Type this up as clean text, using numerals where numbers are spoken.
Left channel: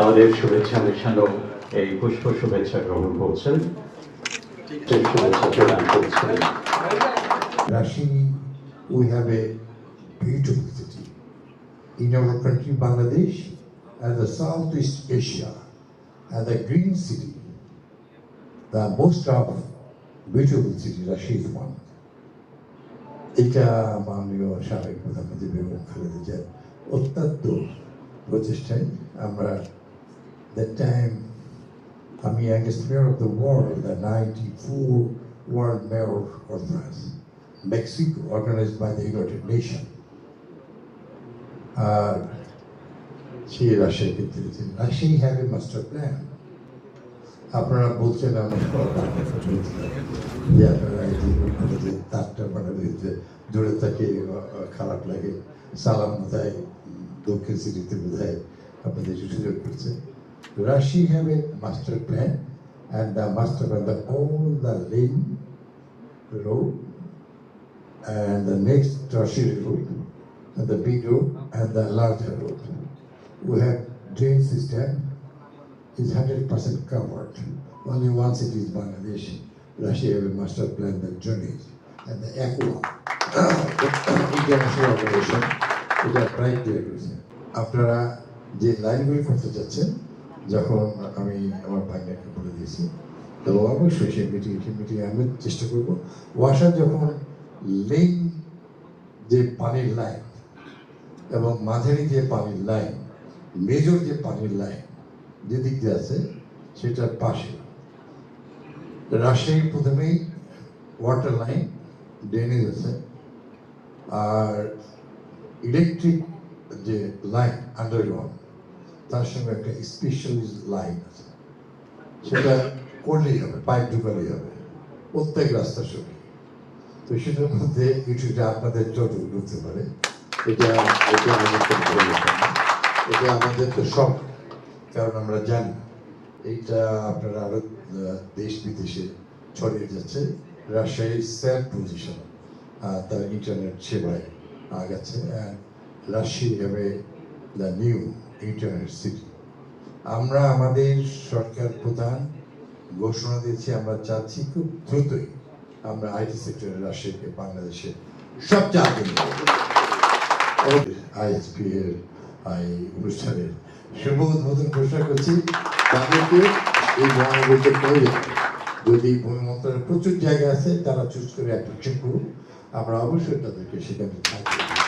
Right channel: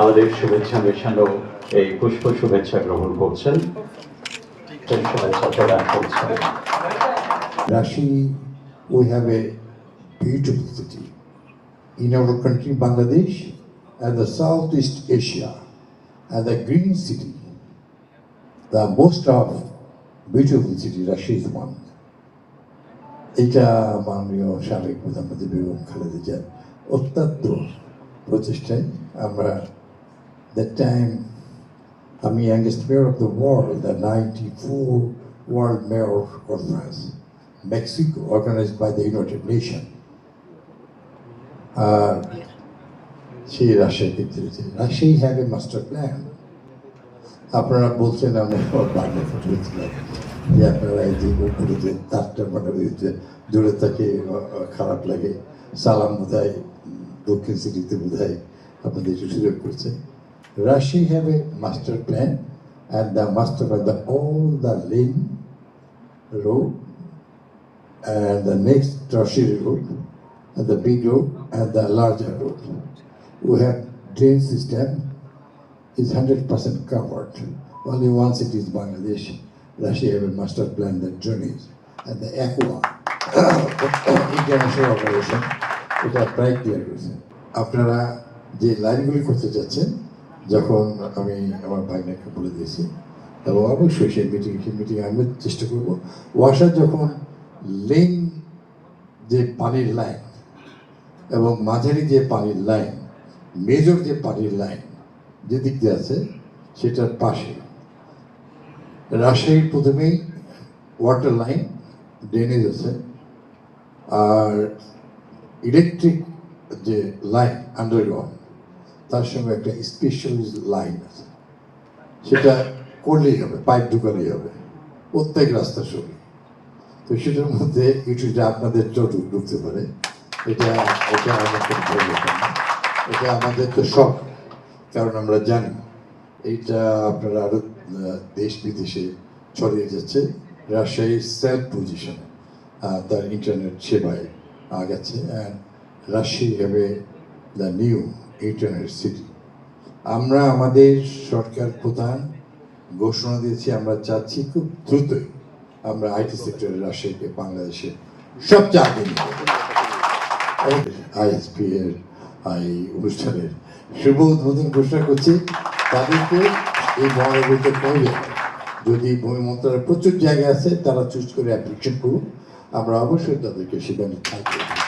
আমাদের শুভেচ্ছা মেশানো এই পুষ্প শুভেচ্ছা গ্রহণ করছেন, সেই শুভেচ্ছা প্রদান করছেন। Rashi, we have a beautiful city in our country, Bangladesh, and the Southeast Asia, and the green city. The most of beautiful city, Rashi is one. এটা মাননীয় সাবেক প্রধানমন্ত্রী বেগম খালেদা জিয়ার অত্যন্ত প্রচেষ্টায় আমরা that time আমি youngest mayor of the world, the 94 world mayor conference, Mexico, organized by the United Nations. সেই রাশিয়াকে দিয়েছে। Russia have a master plan. আপনারা বলছেন আমরা যে আপনারা এই যে মুখগুলোতে তারটা মানে দূরে থাকে খারাপ লাগে, সালাম বোধহয় দক্ষিণ সিটিতে বোধহয় আপনাদের সুযোগ করছে। Rashi have a master plan, and the master plan, all the lane road and the next tertiary road, and the big road and the larger road. We have drain system is 100% covered. Only one city is Bangladesh. Russia have a master plan, the drainage and the aqua international operation. এটা প্রায় clear করেছে। আপনারা যে লাইনগুলি করতে যাচ্ছেন, যখন আমি আমার ভাইনাকে বলে দিয়েছি, এবং অবশ্যই সেই মিটিং আমি চেষ্টা করবো। ওয়াসার যখন লেন যে পানির লাইন এবং মাঝারি যে পানির লাইন, মেজর যে পানির লাইন যেদিক দিয়ে আছে সেটার পাশে রাজশাহীর প্রথমেই ওয়াটার লাইন ড্রেনেজ আছে, আর ইলেকট্রিক যে লাইন আন্ডারগ্রাউন্ড তার সঙ্গে একটা স্পেশাল লাইন আছে, সেটা করলেই হবে, পাইপ ঢুকালেই হবে প্রত্যেক রাস্তার সঙ্গে। তো সেটার মধ্যে ইউটিউবে আপনাদের টোটো ঢুকতে পারে, এটা এটা আমাদের ভালো না, এটা আমাদের তো শখ, কারণ আমরা জানি এইটা আপনারা আরো দেশ বিদেশে ছড়িয়ে যাচ্ছে। রাজশাহীর সেলফ পজিশন তার ইন্টারনেট সেবায় আগাচ্ছে, অ্যান্ড রাজশাহী হবে দ্য নিউ ইন্টারনেট সিটি। আমরা আমাদের সরকার প্রধান ঘোষণা দিয়েছি, আমরা চাচ্ছি খুব দ্রুতই আমরা আইটি সেক্টরে রাজশাহীকে বাংলাদেশের সবচেয়ে আগে আইএসপি এর এই অনুষ্ঠানের শুভ উদ্বোধন ঘোষণা করছি। তাদেরকে এই মহানগরীতে করে যদি ভূমি মন্ত্রণালয়ের প্রচুর জায়গা আছে, তারা চুজ করে অ্যাপ্লিকেশন করুক, আমরা অবশ্যই তাদেরকে সেখানে থাকবো।